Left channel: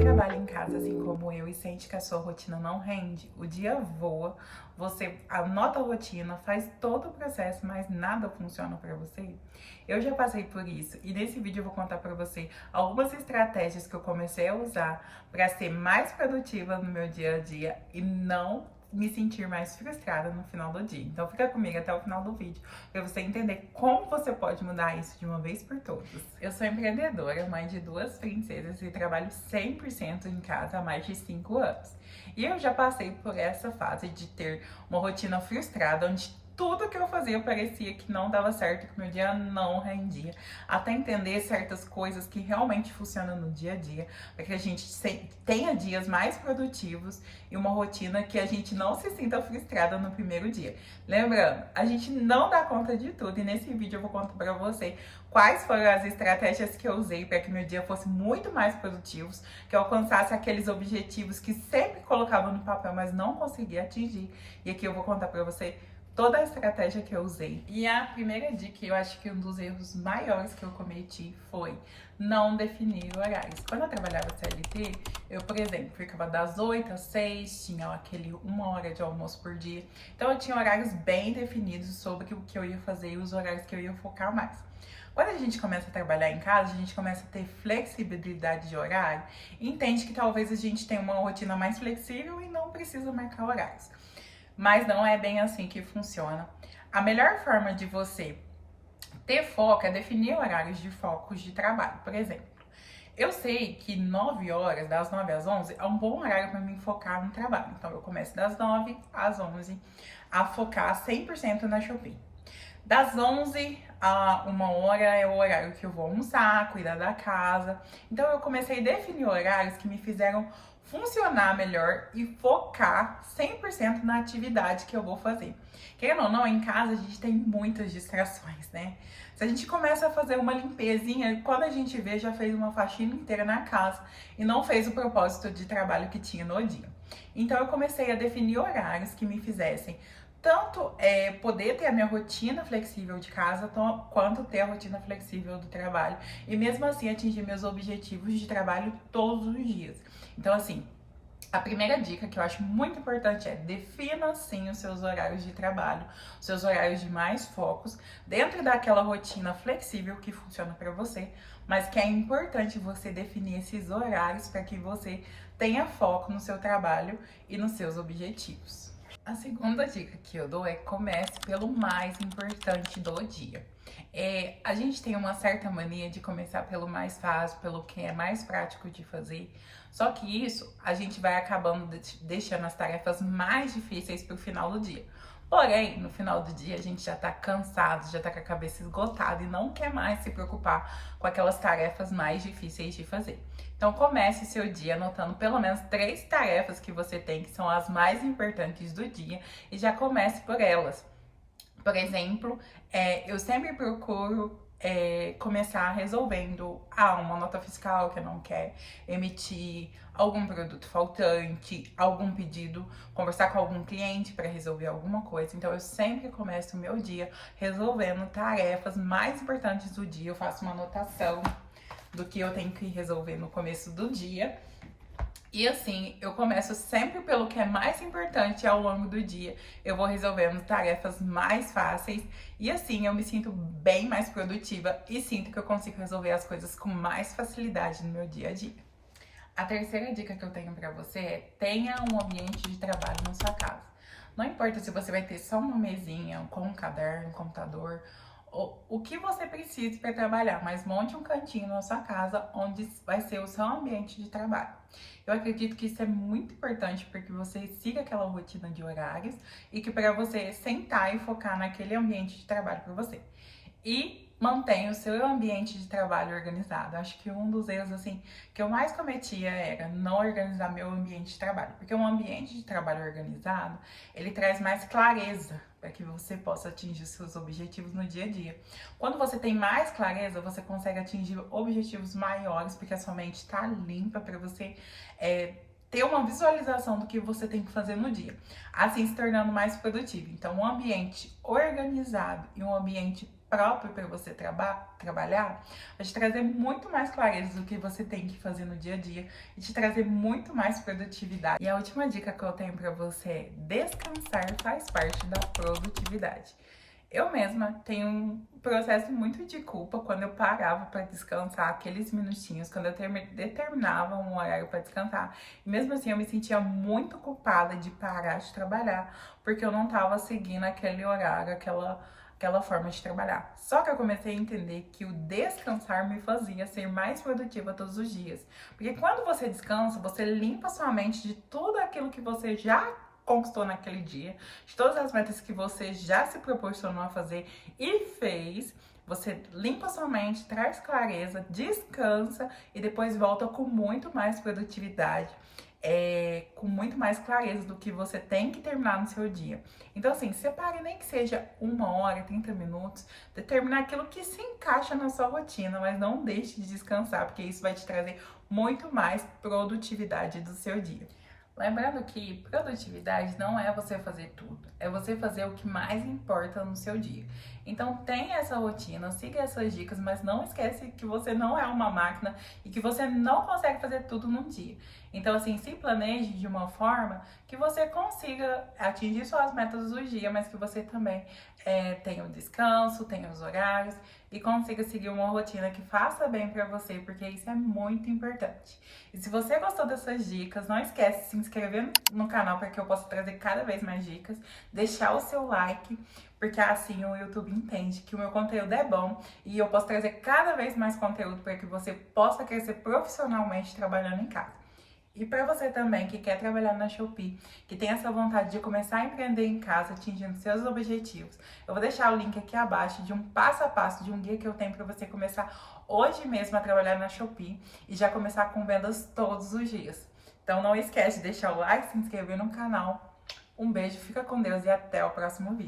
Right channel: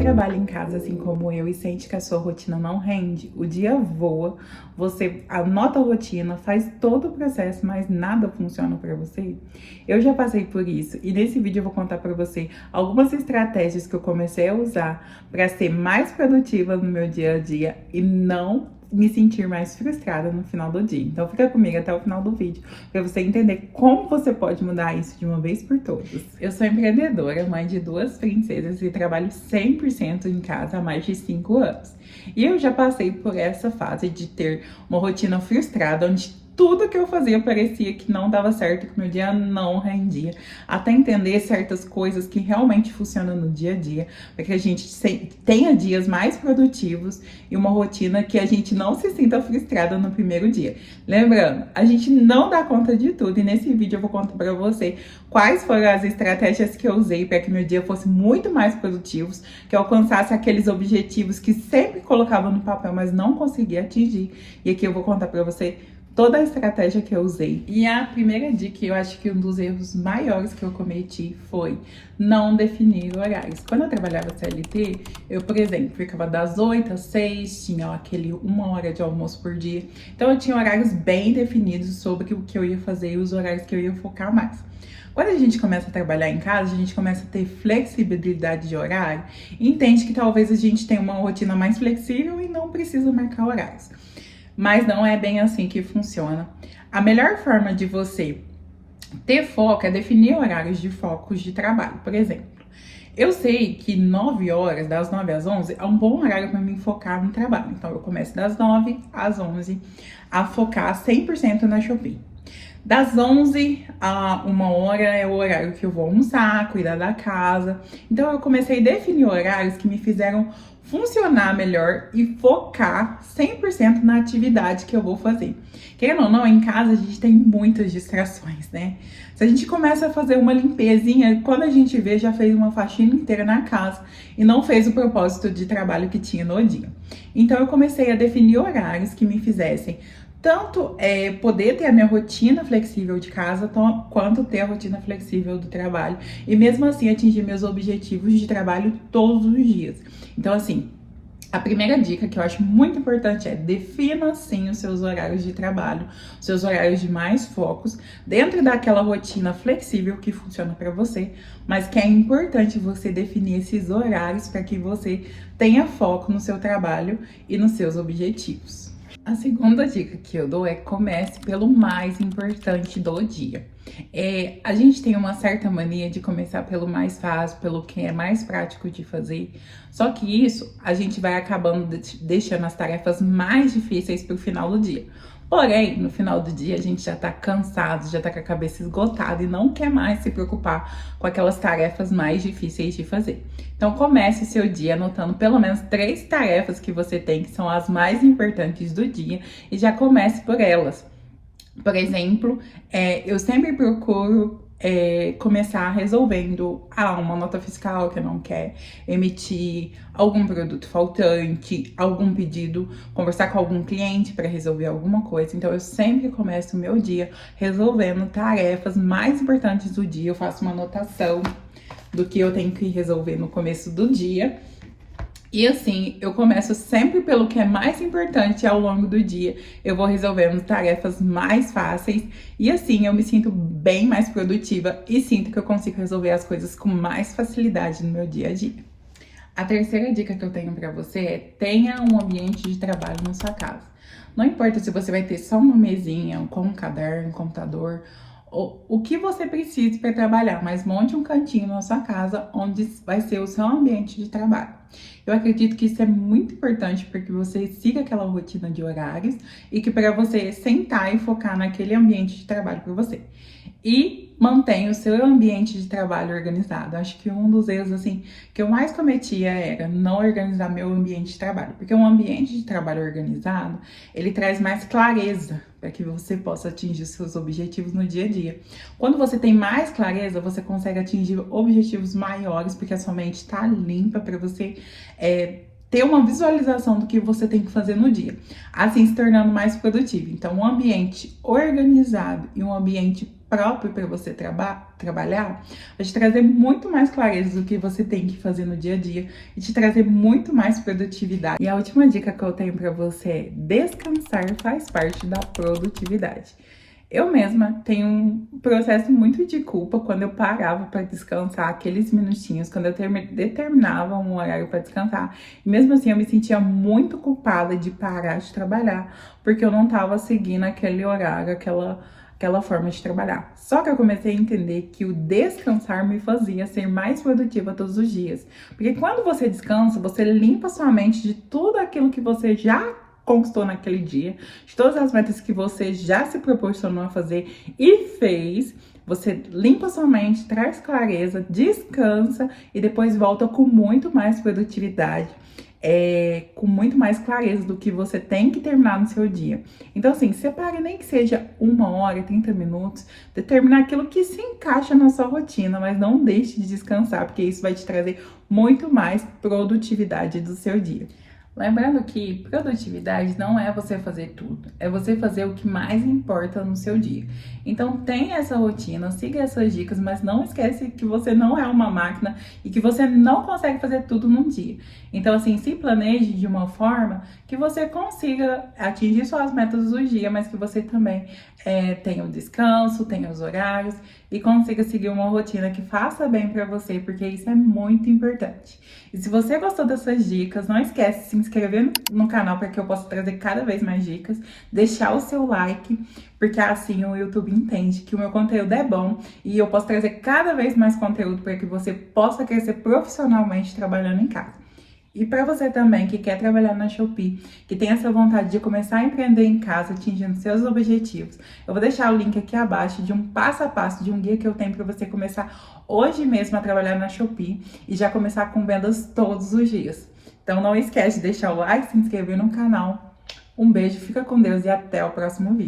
Trabalha em casa assim como eu e sente que a sua rotina não rende, o dia voa, você anota a rotina, faz todo o processo, mas nada funciona para você? Eu já passei por isso e nesse vídeo eu vou contar para você algumas estratégias que eu comecei a usar para ser mais produtiva no meu dia a dia e não me sentir mais frustrada no final do dia. Então fica comigo até o final do vídeo para você entender como você pode mudar isso de uma vez por todas. Eu sou empreendedora, mãe de 2 princesas e trabalho 100% em casa há mais de 5 anos. E eu já passei por essa fase de ter uma rotina frustrada, onde tudo que eu fazia parecia que não dava certo, que meu dia não rendia, até entender certas coisas que realmente funcionam no dia a dia, para que a gente tenha dias mais produtivos e uma rotina que a gente não se sinta frustrada no primeiro dia. Lembrando, a gente não dá conta de tudo e nesse vídeo eu vou contar para você quais foram as estratégias que eu usei para que meu dia fosse muito mais produtivo, que eu alcançasse aqueles objetivos que sempre colocava no papel, mas não conseguia atingir. E aqui eu vou contar para você toda a estratégia que eu usei. E a primeira dica, eu acho que um dos erros maiores que eu cometi foi não definir horários. Quando eu trabalhava CLT, eu, por exemplo, ficava das 8 às 6, tinha aquele 1 hora de almoço por dia. Então eu tinha horários bem definidos sobre o que eu ia fazer e os horários que eu ia focar mais. Quando a gente começa a trabalhar em casa, a gente começa a ter flexibilidade de horário e entende que talvez a gente tenha uma rotina mais flexível e não precisa marcar horários. Mas não é bem assim que funciona. A melhor forma de você ter foco é definir horários de focos de trabalho. Por exemplo, eu sei que 9 horas, das 9 às 11, é um bom horário para mim focar no trabalho. Então, eu começo das 9 às 11 a focar 100% na Shopee. Das 11 a 1 hora é o horário que eu vou almoçar, cuidar da casa. Então, eu comecei a definir horários que me fizeram funcionar melhor e focar 100% na atividade que eu vou fazer. Querendo ou não, em casa a gente tem muitas distrações, né? Se a gente começa a fazer uma limpezinha, quando a gente vê, já fez uma faxina inteira na casa e não fez o propósito de trabalho que tinha no dia. Então, eu comecei a definir horários que me fizessem tanto poder ter a minha rotina flexível de casa, quanto ter a rotina flexível do trabalho. E mesmo assim atingir meus objetivos de trabalho todos os dias. Então, assim, a primeira dica que eu acho muito importante é defina sim os seus horários de trabalho, seus horários de mais focos, dentro daquela rotina flexível que funciona para você, mas que é importante você definir esses horários para que você tenha foco no seu trabalho e nos seus objetivos. A segunda dica que eu dou é comece pelo mais importante do dia. A gente tem uma certa mania de começar pelo mais fácil, pelo que é mais prático de fazer. Só que isso a gente vai acabando deixando as tarefas mais difíceis para o final do dia. Porém, no final do dia a gente já tá cansado, já tá com a cabeça esgotada e não quer mais se preocupar com aquelas tarefas mais difíceis de fazer. Então comece o seu dia anotando pelo menos 3 tarefas que você tem, que são as mais importantes do dia, e já comece por elas. Por exemplo, eu sempre procuro começar resolvendo uma nota fiscal que não quer emitir, algum produto faltante, algum pedido, conversar com algum cliente para resolver alguma coisa. Então, eu sempre começo o meu dia resolvendo tarefas mais importantes do dia. Eu faço uma anotação do que eu tenho que resolver no começo do dia. E assim, eu começo sempre pelo que é mais importante ao longo do dia. Eu vou resolvendo tarefas mais fáceis e assim eu me sinto bem mais produtiva e sinto que eu consigo resolver as coisas com mais facilidade no meu dia a dia. A terceira dica que eu tenho pra você é tenha um ambiente de trabalho na sua casa. Não importa se você vai ter só uma mesinha com um caderno, um computador o que você precisa para trabalhar, mas monte um cantinho na sua casa onde vai ser o seu ambiente de trabalho. Eu acredito que isso é muito importante para que você siga aquela rotina de horários e que para você sentar e focar naquele ambiente de trabalho para você. E mantenha o seu ambiente de trabalho organizado. Acho que um dos erros assim que eu mais cometia era não organizar meu ambiente de trabalho, porque um ambiente de trabalho organizado, ele traz mais clareza para que você possa atingir os seus objetivos no dia a dia. Quando você tem mais clareza, você consegue atingir objetivos maiores, porque a sua mente está limpa para você ter uma visualização do que você tem que fazer no dia, assim se tornando mais produtivo. Então, um ambiente organizado e um ambiente próprio para você trabalhar vai te trazer muito mais clareza do que você tem que fazer no dia a dia e te trazer muito mais produtividade. E a última dica que eu tenho para você é: descansar faz parte da produtividade. Eu mesma tenho um processo muito de culpa quando eu parava para descansar aqueles minutinhos, quando eu determinava um horário para descansar. E mesmo assim eu me sentia muito culpada de parar de trabalhar, porque eu não estava seguindo aquele horário, aquela forma de trabalhar. Só que eu comecei a entender que o descansar me fazia ser mais produtiva todos os dias. Porque quando você descansa, você limpa sua mente de tudo aquilo que você já conquistou naquele dia, de todas as metas que você já se proporcionou a fazer e fez. Você limpa sua mente, traz clareza, descansa e depois volta com muito mais produtividade, com muito mais clareza do que você tem que terminar no seu dia. Então, assim, separe nem que seja 1 hora, 30 minutos, determinar aquilo que se encaixa na sua rotina, mas não deixe de descansar, porque isso vai te trazer muito mais produtividade do seu dia. Lembrando que produtividade não é você fazer tudo, é você fazer o que mais importa no seu dia. Então tenha essa rotina, siga essas dicas, mas não esquece que você não é uma máquina e que você não consegue fazer tudo num dia. Então assim, se planeje de uma forma que você consiga atingir suas metas do dia, mas que você também tenha o descanso, tenha os horários e consiga seguir uma rotina que faça bem para você, porque isso é muito importante. E se você gostou dessas dicas, não esquece de se inscrever no canal para que eu possa trazer cada vez mais dicas, deixar o seu like, porque assim o YouTube entende que o meu conteúdo é bom e eu posso trazer cada vez mais conteúdo para que você possa crescer profissionalmente trabalhando em casa. E para você também que quer trabalhar na Shopee, que tem essa vontade de começar a empreender em casa, atingindo seus objetivos, eu vou deixar o link aqui abaixo de um passo a passo, de um guia que eu tenho para você começar hoje mesmo a trabalhar na Shopee e já começar com vendas todos os dias. Então não esquece de deixar o like, se inscrever no canal. Um beijo, fica com Deus e até o próximo vídeo.